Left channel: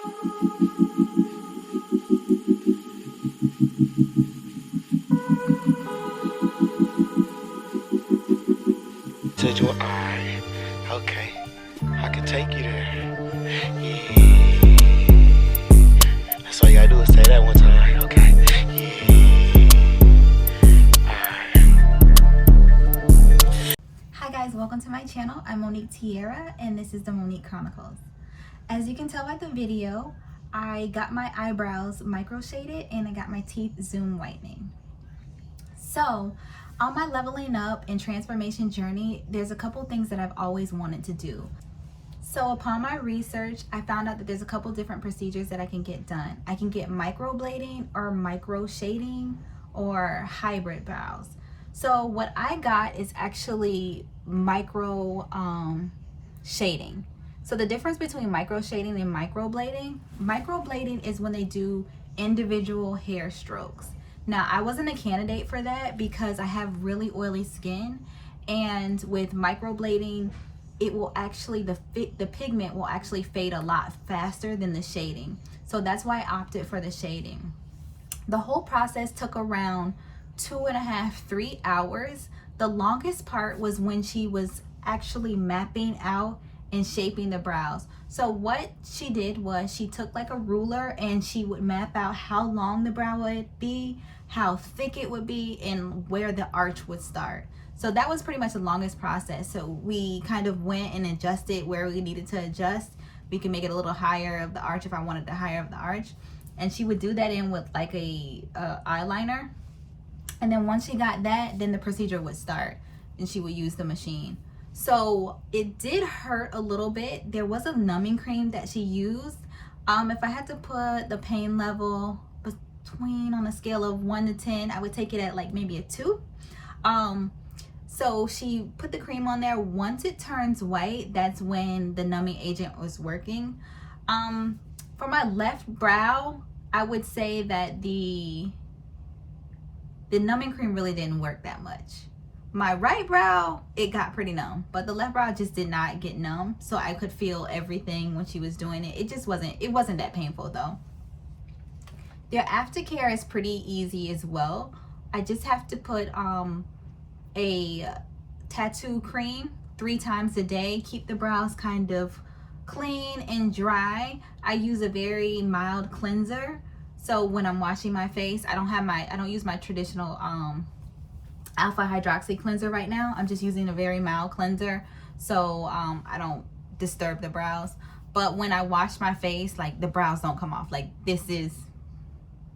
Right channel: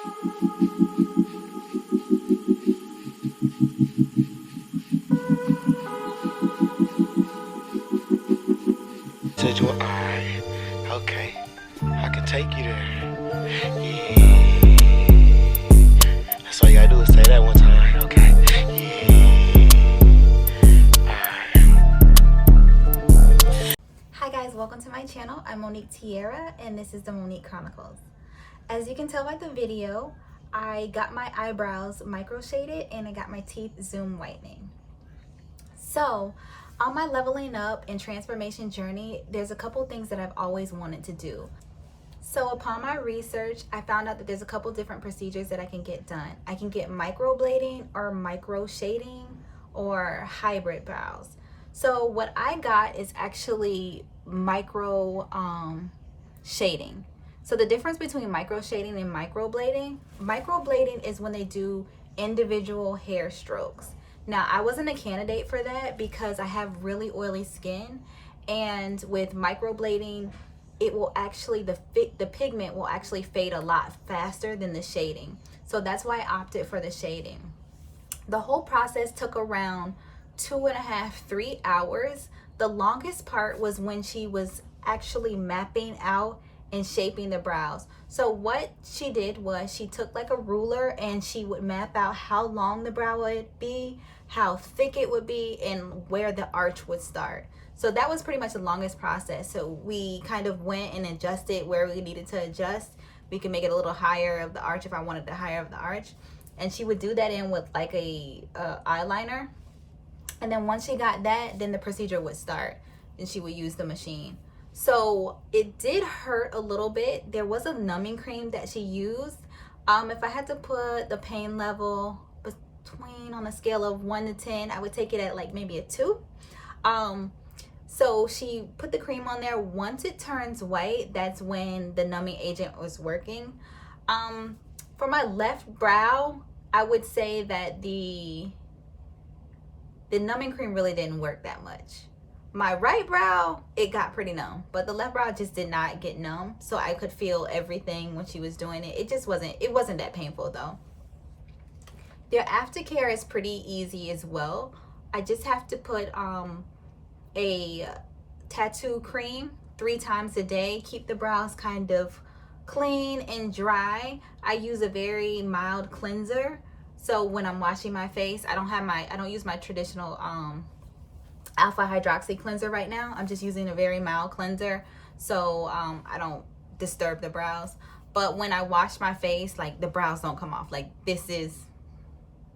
Said you were alright. Okay. I can take you there. Yeah. That's all you gotta do is say that one time. Okay. Yeah. Hi guys, welcome to my channel. I'm Monique Tierra and this is the Monique Chronicles. As you can tell by the video, I got my eyebrows micro shaded and I got my teeth zoom whitening. So on my leveling up and transformation journey, there's a couple things that I've always wanted to do. So upon my research, I found out that there's a couple different procedures that I can get done. I can get microblading or micro shading or hybrid brows. So what I got is actually micro shading. So the difference between micro shading and microblading is when they do individual hair strokes. Now, I wasn't a candidate for that because I have really oily skin, and with microblading, it will actually, the pigment will actually fade a lot faster than the shading. So that's why I opted for the shading. The whole process took around 2.5 to 3 hours. The longest part was when she was actually mapping out and shaping the brows. So what she did was she took like a ruler and she would map out how long the brow would be, how thick it would be, and where the arch would start. So that was pretty much the longest process. So we kind of went and adjusted where we needed to adjust. We could make it a little higher of the arch if I wanted the higher of the arch. And she would do that in with like a eyeliner. And then once she got that, then the procedure would start and she would use the machine. So it did hurt a little bit. There was a numbing cream that she used. If I had to put the pain level between, on a scale of 1 to 10, I would take it at like maybe a 2. So she put the cream on there. Once it turns white, that's when the numbing agent was working. For my left brow, I would say that the numbing cream really didn't work that much. My right brow, it got pretty numb, but the left brow just did not get numb, so I could feel everything when she was doing it. It wasn't that painful though. Their aftercare is pretty easy as well. I just have to put a tattoo cream 3 times a day, keep the brows kind of clean and dry. I use a very mild cleanser, so when I'm washing my face, I don't use my traditional alpha hydroxy cleanser right now. I'm just using a very mild cleanser, so I don't disturb the brows. But when I wash my face, like, the brows don't come off. Like, this is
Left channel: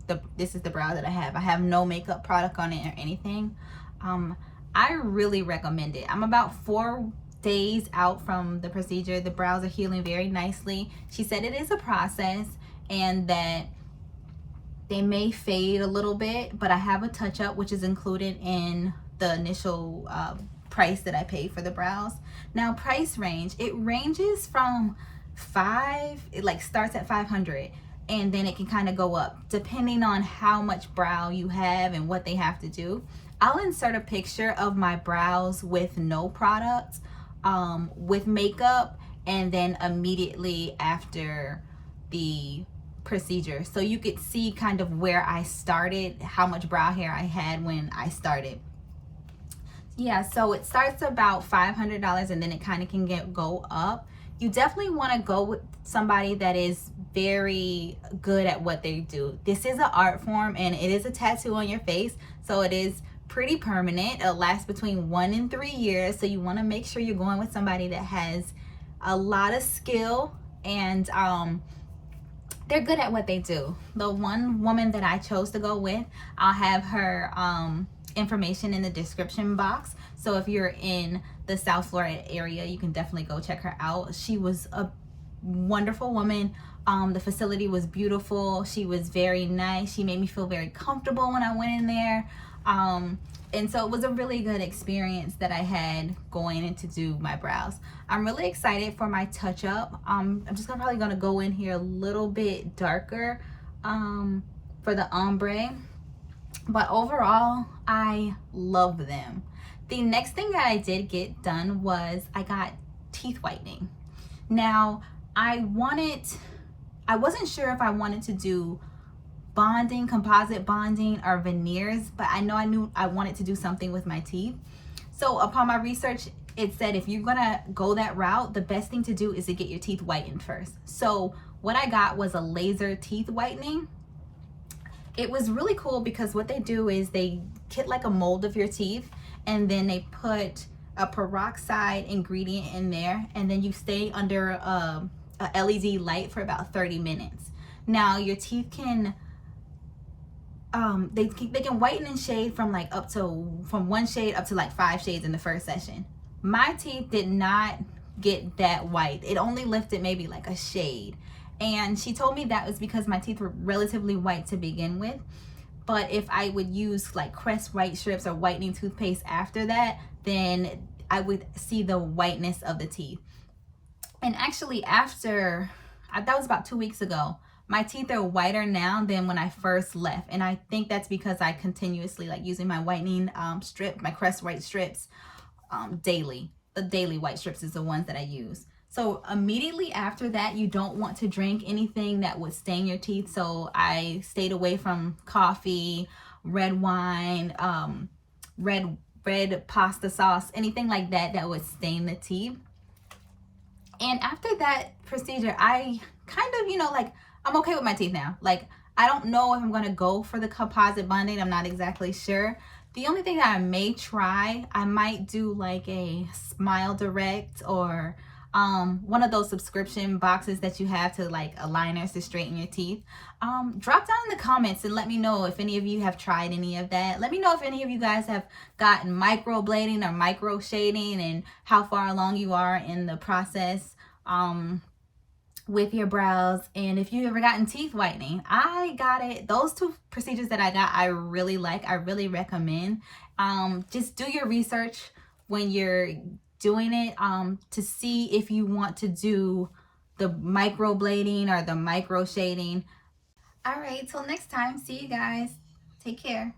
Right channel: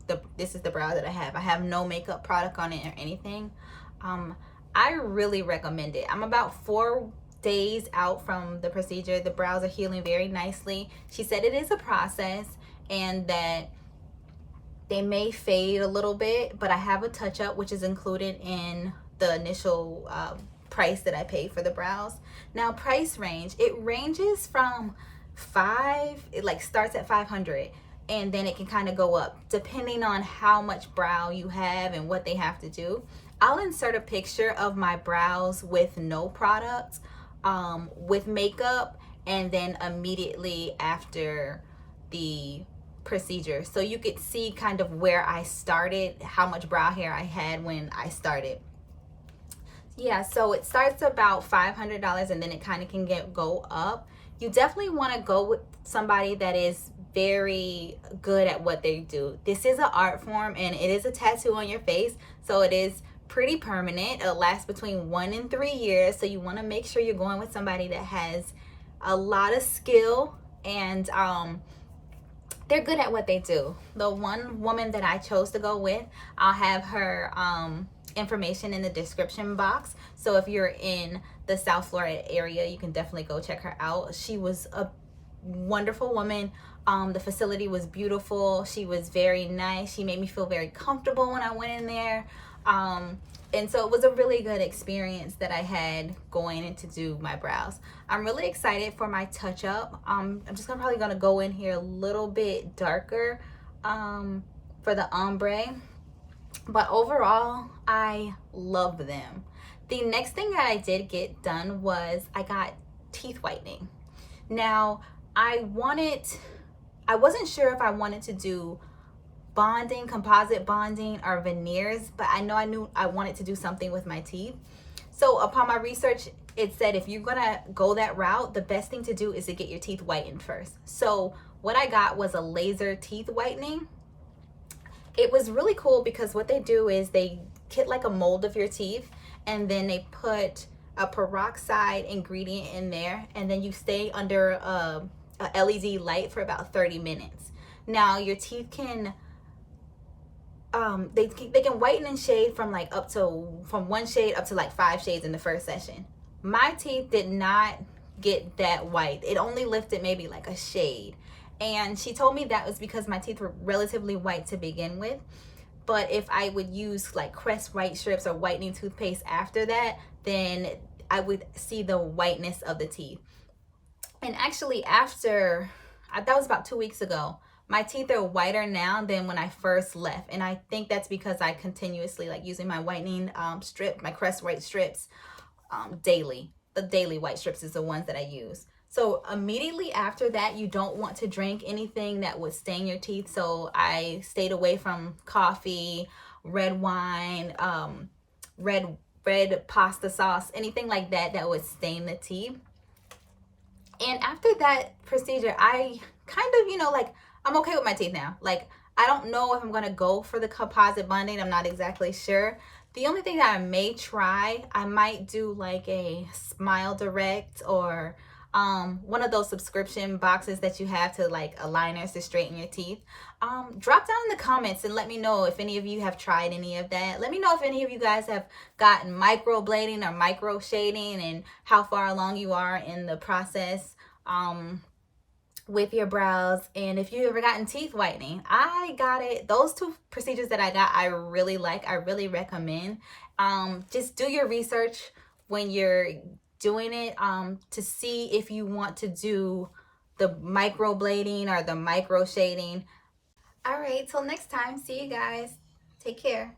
the brow that I have. I have no makeup product on it or anything. I really recommend it. I'm about 4 days out from the procedure. The brows are healing very nicely. She said it is a process and that they may fade a little bit, but I have a touch-up which is included in the initial price that I paid for the brows. Now, price range, it ranges from it like starts at 500, and then it can kind of go up depending on how much brow you have and what they have to do. I'll insert a picture of my brows with no product, with makeup, and then immediately after the procedure, so you could see kind of where I started, how much brow hair I had when I started. Yeah, so it starts about $500 and then it kind of can go up. You definitely want to go with somebody that is very good at what they do. This is an art form and it is a tattoo on your face, so it is pretty permanent. It'll last between 1 and 3 years, so you want to make sure you're going with somebody that has a lot of skill and they're good at what they do. The one woman that I chose to go with, I'll have her information in the description box. So if you're in the South Florida area, you can definitely go check her out. She was a wonderful woman. The facility was beautiful. She was very nice. She made me feel very comfortable when I went in there. And so it was a really good experience that I had going in to do my brows. I'm really excited for my touch-up. I'm just probably gonna go in here a little bit darker for the ombre. But overall, I love them. The next thing that I did get done was I got teeth whitening. Now, I wanted I wasn't sure if I wanted to do bonding, composite bonding, or veneers, but I knew I wanted to do something with my teeth. So upon my research, it said if you're gonna go that route, the best thing to do is to get your teeth whitened first. So what I got was a laser teeth whitening. It was really cool because what they do is they get like a mold of your teeth, and then they put a peroxide ingredient in there, and then you stay under a LED light for about 30 minutes. Now your teeth can they can whiten and shade from like from one shade up to like 5 shades in the first session. My teeth did not get that white. It only lifted maybe like a shade. And she told me that was because my teeth were relatively white to begin with. But if I would use like Crest white strips or whitening toothpaste after that, then I would see the whiteness of the teeth. And actually after, that was about 2 weeks ago, my teeth are whiter now than when I first left. And I think that's because I continuously like using my whitening strip, my Crest white strips daily. The daily white strips is the ones that I use. So immediately after that, you don't want to drink anything that would stain your teeth. So I stayed away from coffee, red wine, red pasta sauce, anything like that that would stain the teeth. And after that procedure, I kind of, like, I'm okay with my teeth now. Like, I don't know if I'm going to go for the composite bonding. I'm not exactly sure. The only thing that I may try, I might do like a Smile Direct or one of those subscription boxes that you have to like aligners to straighten your teeth. Drop down in the comments and let me know if any of you have tried any of that. Let me know if any of you guys have gotten microblading or micro shading and how far along you are in the process with your brows, and if you ever gotten teeth whitening. I got it. Those 2 procedures that I got, I really like. I really recommend. Just do your research when you're doing it to see if you want to do the microblading or the micro shading. All right, till next time. See you guys. Take care.